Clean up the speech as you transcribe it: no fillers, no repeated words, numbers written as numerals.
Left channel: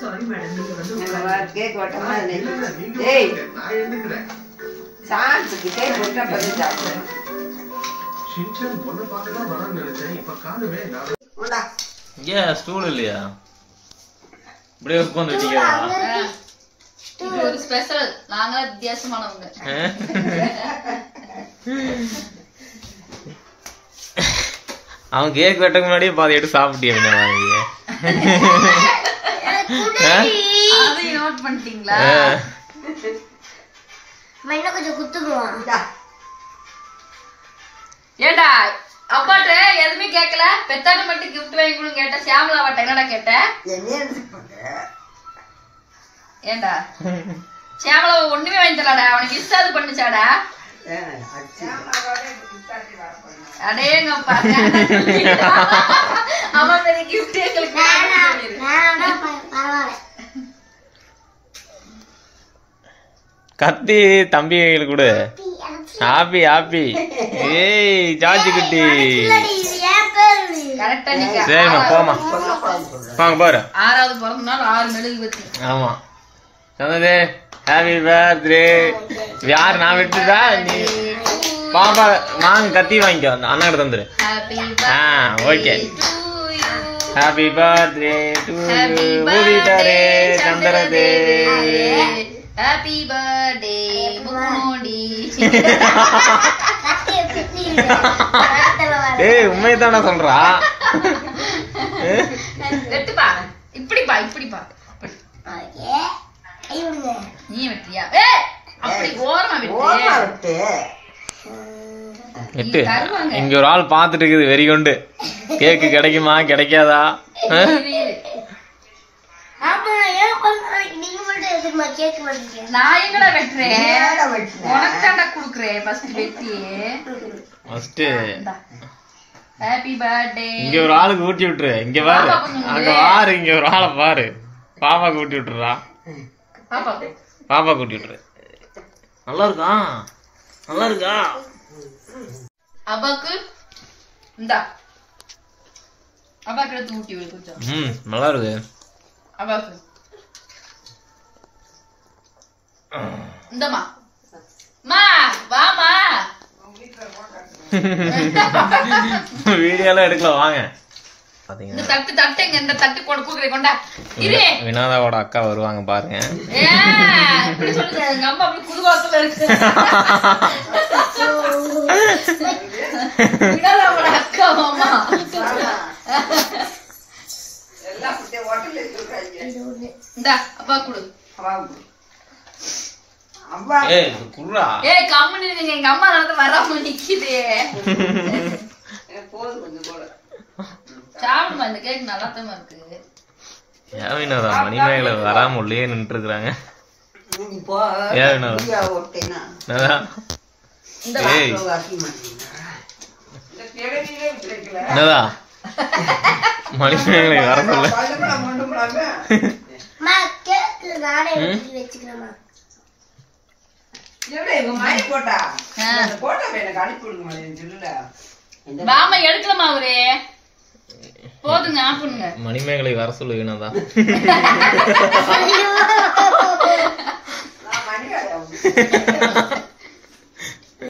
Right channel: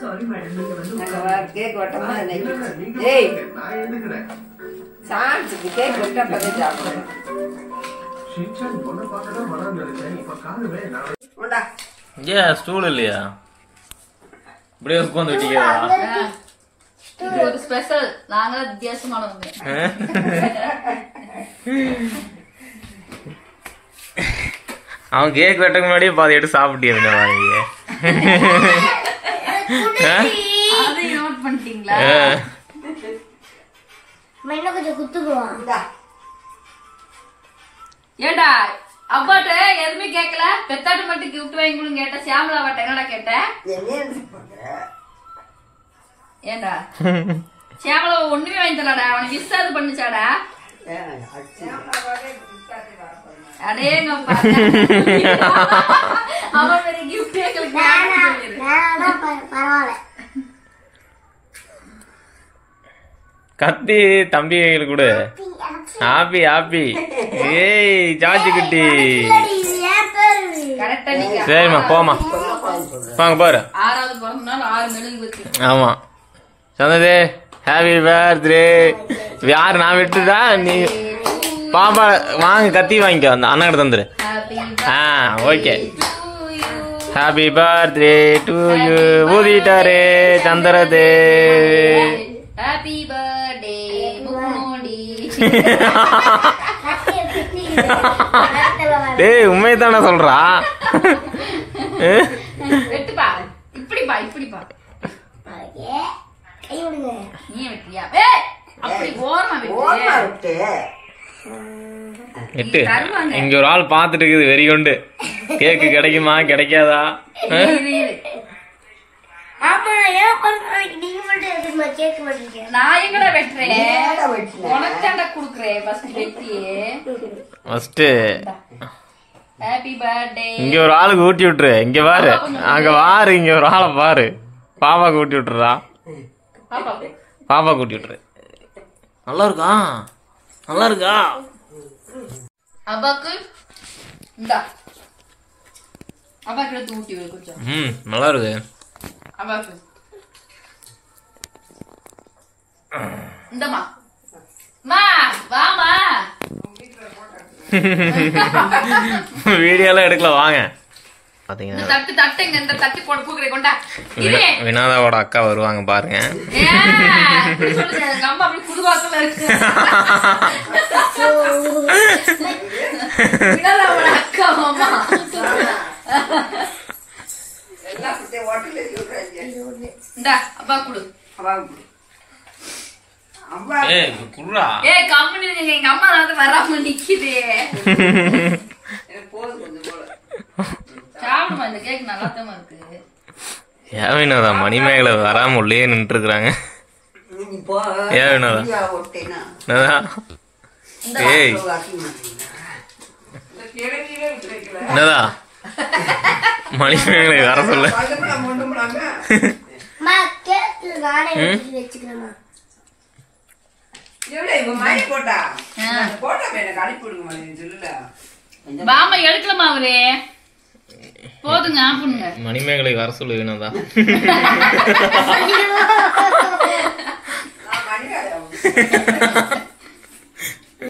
sorry madam நீங்க வந்து cake வட்டமா ஏய் நான் எடுக்கிறேன் சான்ஸ்க்கு கேக் வட்டா பதே சாப்பிடுறேன் சின்சான் பொண்ணு பார்க்க தான் வரணும் நினைச்சேன் இப்ப காணுமே நான் ஓடா ஏ ஸ்டூல் இல்லையா இப்படியே உட்கார்ந்து வச்சியா இது ஒரு ஸ்பெஷல் நாங்களா வித்தியாசமானவங்க அவன் கேக் வெட்டக்கு முன்னாடியே பாதி எடுத்து சாப்பிட்டியா என்ன வாங்கி அதை நோட் பண்ணிட்டீங்களா மைனா கொஞ்சம் குத்துக்குவான் ஏண்டா அப்பாட்ட எதுவுமே கேட்கல பெத்தாட்ட மட்டும் கிஃப்ட் வாங்கி கொடுங்க கேட்ட சியாமலா வாட்ட என்னடா கேட்ட ஏண்டா சியாமலா ஒண்ணுமே வாங்கி தரலாடா அவனுக்கு விசாது பண்ணுச்சாடா அடேங்கப்பா அவன் பெரிய கிஃப்ட் எங்களுக்கு பரவாயில்ல கத்தி தம்பி கொடு ஹாப்பி ஹாப்பி ஏய் சாச்சி குட்டி கரெக்டா நீங்க சரிம்மா போமா வாங்க பாரு 6வது பிறந்த நாள் 6 மெழுகுவர்த்தி ஆமா சொன்னது ஹாப்பி பர்த்டே யார் நான் விட்டுதா நீ பாப்பா வாங்க கத்தி வாங்கிக்கோ அந்த அண்ணா கிட்ட தந்துரு okay happy birthday to you ஊதிட்டாரே சந்திரதே ஹாப்பி பர்த்டே முகமோடி டேய் உண்மையை தானே சொல்றா வெட்டுப்பா இப்படிப்பா இப்படிப்பா நீ வெட்டியா அப்படி ஓரமா வெட்டு எட்டு இங்க ஒரு ஆள் பாத்துட்டு இருக்குது வெறி கொண்டு கேக்கு கிடைக்குமா கிடைக்காதா நான் எங்கடா வெட்டுறேன் உனக்கு தாண்டா குடுக்குறேன் ஃபர்ஸ்ட் வெட்டியே ஃபர்ஸ்ட் ஹாப்பி பர்த்டே இங்க ஒரு ஆளுக்கு ஊட்டி விட்டுரு இங்க பாரு அங்க பாரு இங்க ஒரு ஆளை பாரு பாப்பாக்கு ஊட்டி விட்டுறா பாப்பா ஊட்டி விட்டுரு நல்லா இருக்கா நல்லா இருக்கா அப்பாக்கு இந்தா அப்பாக்கு எடுத்து ஊட்டி வை கொஞ்சம் நல்லா இருக்கு அப்பாக்கு இந்தமா மா வாமா வீடியோலாம் எடுக்கல வாங்க பாத்தீங்க இந்த தட்டுங்க இந்த தட்டு கொடுக்குறே கொண்டா வினோதாவோட அக்கா வருவாங்க பாருங்க எங்க அம்மா அப்படி புதுவாசல இருக்கு வினோதாவோட அக்கா மாமா இந்தா அப்பா குடு கம்மனி எங்க அம்மா தான் வராம நிக்குது சாப்பிடுமா இந்த கேக் நல்லா தான் இருக்கு ஏன் வினோதா மணிமேகலை வராம உள்ளே நின்று இருக்கிறாங்க ஏன் வினோதா ஏய் என்னதா மணிமேகலை வர சொல்ல பாமா எடுக்கலாமா அவரு போதுங்க ஆப்புங்க மணிமேகலை வர சொல்லு வினோதா